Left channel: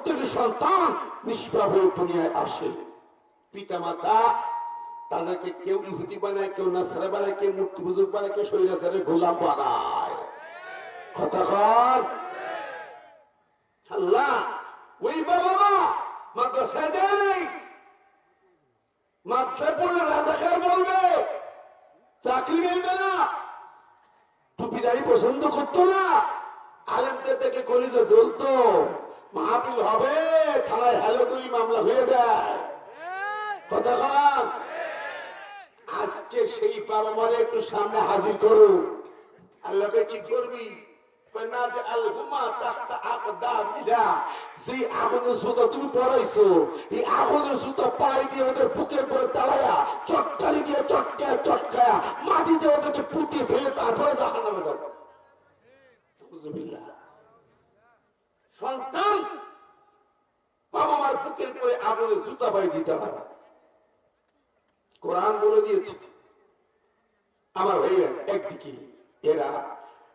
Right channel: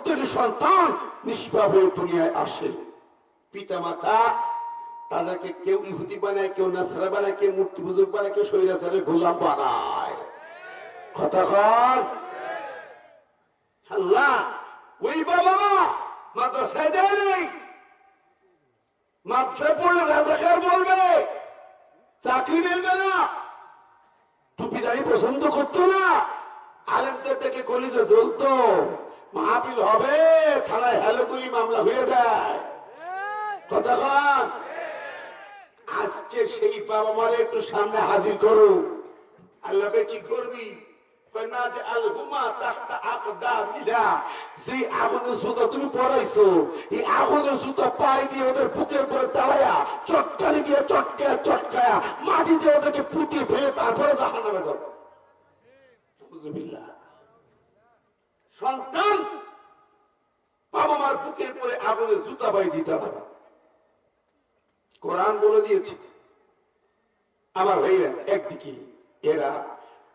প্রত্যেকটি সন্তান নিষ্পাপ হয়ে দুনিয়ায় আসে। পিতা মাতা তাদেরকে কেউ ইহুদি বানায়, কেউ নাসারা বানায়, কেউ মূর্তি পুজো বানায়, কেউ শৈরাচারে গোলাম বানায়। কথা কর আল্লাহ, ওই বাবা মাদ্রাসায় দেয় নেই। মাদ্রাসায় পড়লে রাজাকার বলবে, চাকরি মিলবে না। টুপিদারি পছন্দ করতো না। আলেমদের থেকে কলিজে জ্বলতো। মাহফিল হবে, থানায় করি মামলা হয়ে কথা আজকে সেই বাবা মারে একটু সামনে হাজির করো। আল্লাহকে কি করবি? জুতা তুমি পড়াইছো আগুনের জুতা দিয়ে ওদের দিয়ে তারপরে যাবে। সন্তান বাবা মার বুকের পরে আগুনের জুতা পাই দিতে হবে কোরআন বলে দিয়েছে, আমার ভাইরা, একদিকে এরা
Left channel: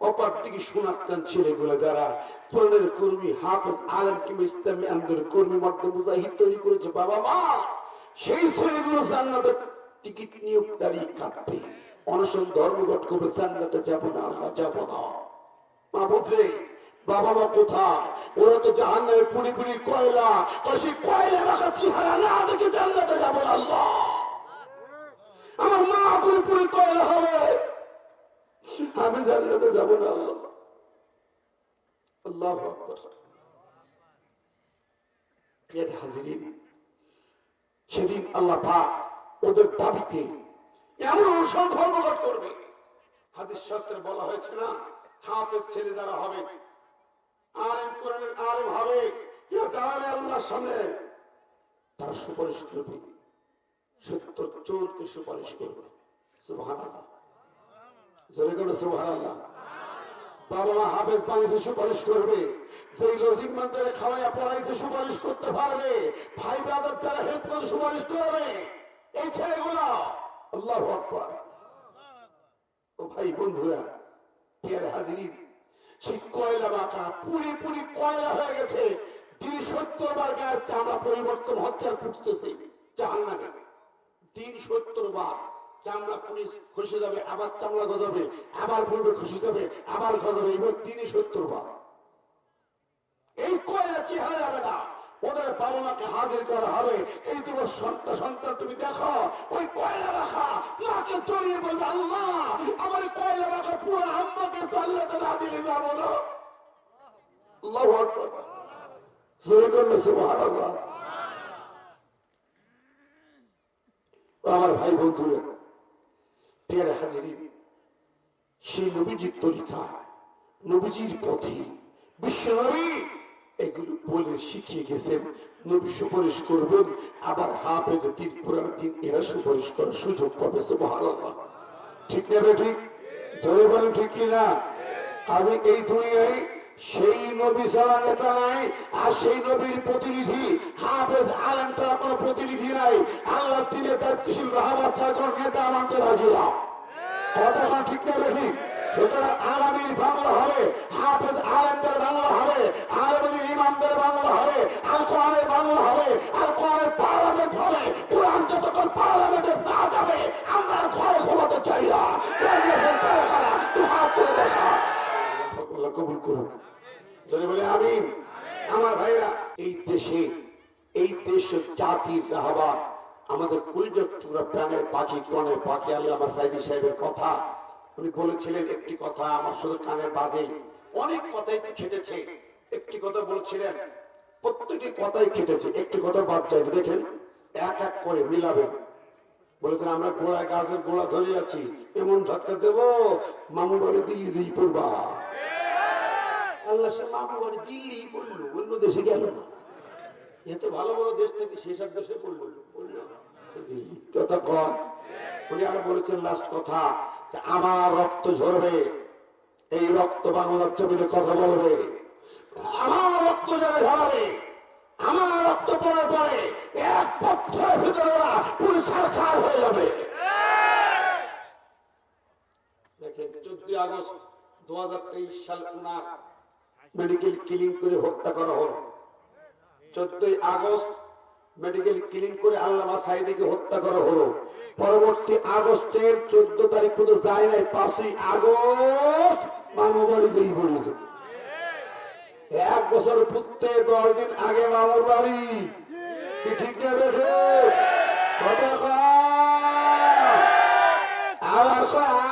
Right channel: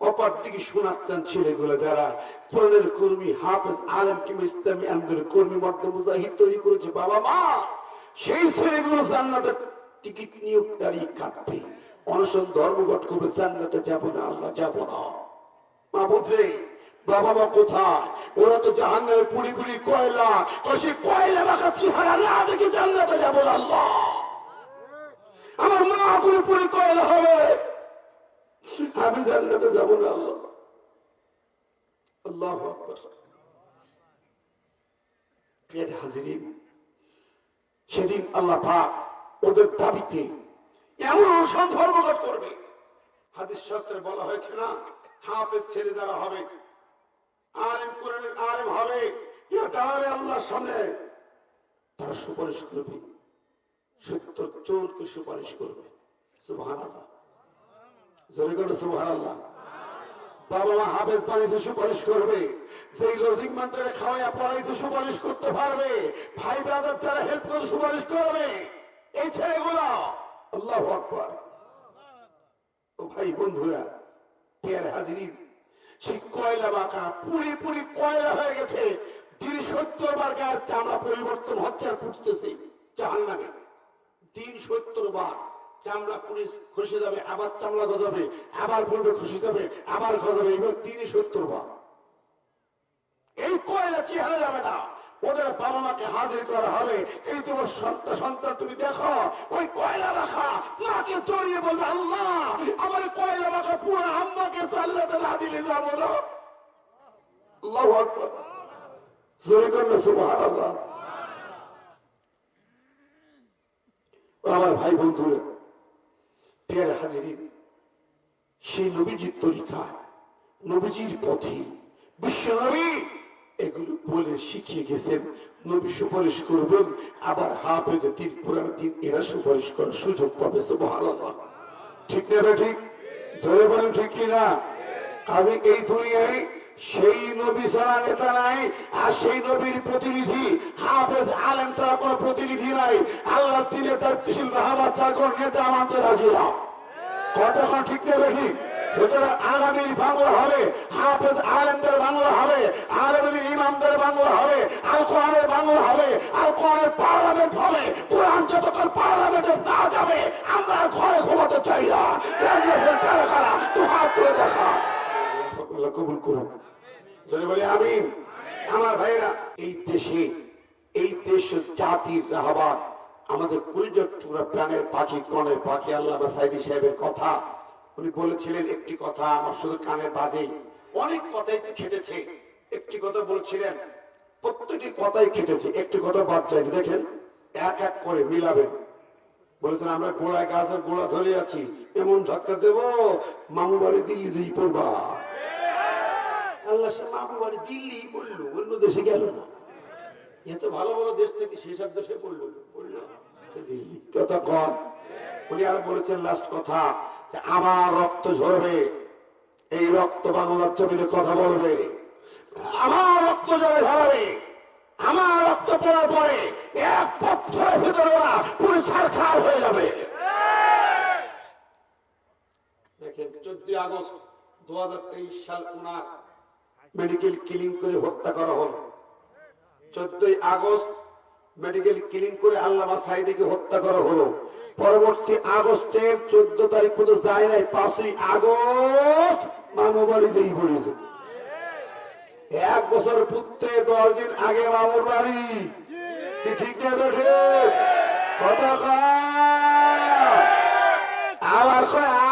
অপর দিকে শোনাচ্ছেন ছেলেগুলো যারা কোরআনের কর্মী, হাফেজ, আলম কিংবা ইসলামী আন্দোলনের কর্মী, মর্দ মুজাহিদ তৈরি করেছে বাবা মা সেই ছেলেগুলো জান্নাতের টিকিট নিয়োগ দাঁড়িয়ে কাঁদবে অনশন ধর্মঘট করবে, জান্নাতে যাব না, আমরা যাব না। মা বুঝলে বাবা মা কোথায়? ওরা তো জাহান নামে পুরি পুরি কয়লা কষে কয়লা মাখা চেহারা না দেখে জান্নাতে যাব আল্লাহ। আমার মা পুরি পুরি কয়লা হবে। আমি জান্নাতে যাব না আল্লাহ। আল্লাহ প্রিয় হাজিরিন, সেদিন আল্লাহ পাক ওদের দাবিতে এমন ধর্মঘট করবে। হাদিস শাস্ত্রে বলা হয়েছে না, হাফেজ ছেড়ে দেওয়া হবে। আলেম কোরআনের আলেম হবে। দাঁড়াবে আল্লাহর সামনে তারা সুপারিশ করবে। সত্তর চোরকে সুপারিশ করবে। সুপারিশ করবে। পড়াইছে, সুপারিশ করতে পারবে। ভাই ব্রাদার যারা হেল্প করে, সুপারিশ করবে। এই ছেলেগুলো, আল্লাহ ভাই বন্ধুরা হাজিরি সেই কয়লা বাঁকা, পুরি পুরি কয়লা হয়ে গেছে। দিন সত্তর বার গায়ের চামড়া পরিবর্তন হচ্ছে আর ফুটতেছে জাহান নামে দিন সত্তর বার চামড়া পুরি খসে যাবে, আবার চামড়া গজাবে, আবার পড়বে খসে যাবে, আবার গজাবে, এবার দিনই সত্তর বার। এই কয়লা চেহারা যাবে না ওদের বাবা মাকে হাজির করা হবে। এই তোমার সন্তান সন্তান তুমি দেখো, ওই কয়লা রাখা মাকে জড়িয়ে বলবে, আল্লাহ, আমার কয়লা রাখা আমার ভাই বন্ধুরা পেয়ারে সেই নবীজির তরিকা, নবীজির পথে বিশ্ব নবী এগুলো বলে শিখিয়ে গেছেন। নবী সুপারিশ করবেন, আবার হাফেজে তিন পুরান দিন এরা সুপারিশ করার সুযোগ পাবে ঠিক না ঠিক? জয় বলেন ঠিক কিনা? কাজে এই দুনিয়ায় সেই নবী ছাড়া নেতা নাই, আর সেই নবীর প্রতিনিধি হাফেজ আলেম ছাড়া কোনো প্রতিনিধি নাই। আল্লাহ দিলে দায়িত্বশীল রাহাবার ছাড়া কোনো নেতা মানতে রাজি না। কতক্ষণ ঠিক নেবে ঠিক সুতরাং বাংলা হবে, হাফেজ আলেমদের বাংলা হবে আরবের ইমামদের বাংলা হবে আল কোরআনের বাংলা হবে পার্লামেন্ট হবে। কোরআন যতক্ষণ পার্লামেন্টে না যাবে, আমরা ঘরে ঘুমাতে চাই না রাজিয়াছেন কারা কারা তোমার করে দেখা আল্লাহ কবুল করুন যদি বলে আমিন। আমার ভাইরা এই দেশে, এই দেশ জাতির রাহবার আমাদের কলিজার টুকরা প্রাণের পাখি, কনের পাখি, আল্লাহ সাইদি সাহেবের কথা। উনি বলেছিলেন একটি কথা, আমার শুধু কানে বাজে। অনেক কথাই তো খেটেছে। একটি কথা বলছিলেন, প্রত্যেকটি কথাই খেটেছে। একটি কথা বাদ যায় দেখেন, এক এক করে মিলাবেন। বলেছেন, আমরা গোড়ায় গাছের গোড়া ধরে আছি, এমন ধাক্কা দেব, মামু বাড়ি দিল্লি পড়বা। আল্লাহ সে মামু বাড়ি দিল্লি পড়ল, অন্য দেশে গেল না। এত ভালো ভালো দেশ থেকে সেসব দেশে পড়ল পড়ল? দিল্লি। কম। উনি আর বলেছেন লাস্ট কথা, যে আমার রক্ত ঝরবে, এই রক্ত বাংলার জমিনে কথা বলবে। আমার রক্ত জলে ঝরাবে, আমার রক্ত পড়ার পরে এক পক্ষের ভিতরে ওরা পুরো ছাড়খাড় হয়ে যাবে। দেখেন, চোদ্দই আগস্ট দু হাজার তেইশ সাল উনার মেডিকেল কিলিং করে হত্যা করা হলো। চোদ্দই আগস্ট মেডিকেল ক্লিনিং করে আল্লামা সাইদিকে হত্যা করা হলো। পরবর্তী আগস্টের চোদ্দ তারিখ পর্যন্ত যায় নাই, পাঁচই আগস্ট মামু বাড়ি যেই পড়েছে। এক বছর পুত্রে দশ দিন আগে মামুর বাড়ি ঠিক কথা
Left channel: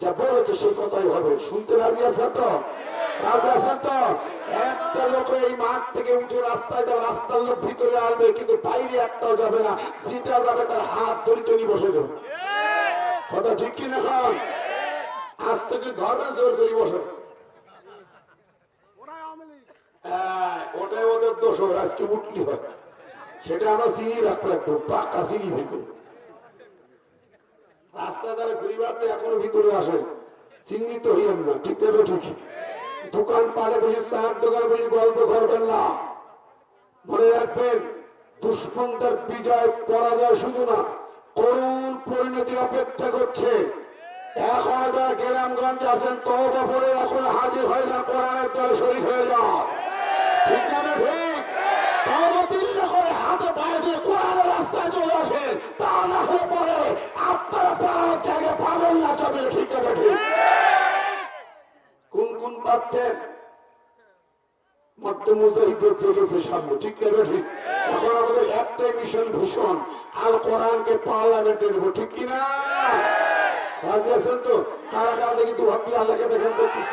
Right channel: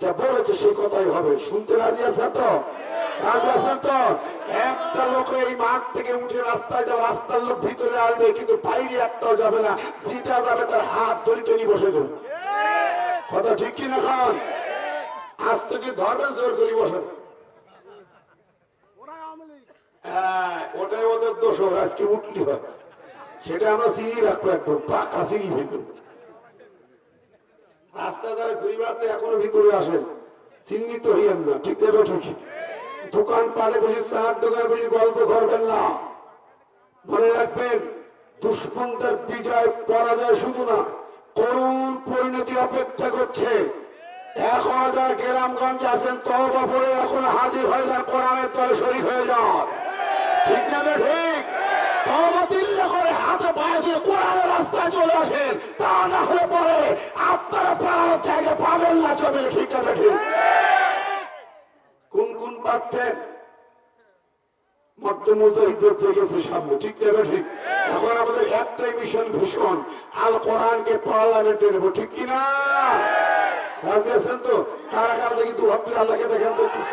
যা বলেছে সে কথাই হবে। শুনতে রাজি আছেন তো? রাজি আছেন তো? একটা লোক এই মাঠ থেকে উঠে রাস্তায় যাবে রাস্তার লোক ভিতরে আসবে কিন্তু বাইরে একটাও যাবে না। যেটা যাবে তার হাত ধরে টেনে বসে দেবে কথা ঠিক কিনা খান আজ থেকে ধরবেন জোর করি বসে। হ্যাঁ, ওটাই ওদের দোষ আজকে উঠলি হয়। সেটা আমরা চিনি রাখব একদম পাকা চিনি ভিতর। রাস্তা ধারে ঘুরি বেড়াতে এখনও ভিতরে আসেন। চিহ্নিত হইয়েন না, ঠিক নেবে ঠিক। দোকান পাড়ে বসে চার দোকান বসে গল্প করবেন না। মনে রাখবেন, দুশ্মনদের বিজয় পরাজয় শুধু না, করুণ পরিণতি অপেক্ষা করছে। এখন যারা গ্রামগঞ্জ আছেন তবা পরে এখন হাজির হয়ে যান, কোরআনের তলে শরীর হয়ে যাও ঠিক না বে ঠিক তবা দিল্লি করে হাতে পায়ে দিয়ে কোরআনের রাস্তায় চলে আসেন। তা না হলে পরে আপনারা পাওয়ার জায়গা পাবেন না চলে ঠিক ঠিক কোন কোন জেগেছে সামনে, ঠিক না ঠিক এখন আমাদের একটাই মিশন ভীষণ, আল কোরআনকে পার্লামেন্টে নেব, ঠিক কিনা? রাজি আছেন তো? কারা কারা দেখি তো ভাবতে আল্লাহকে দেখেন তো?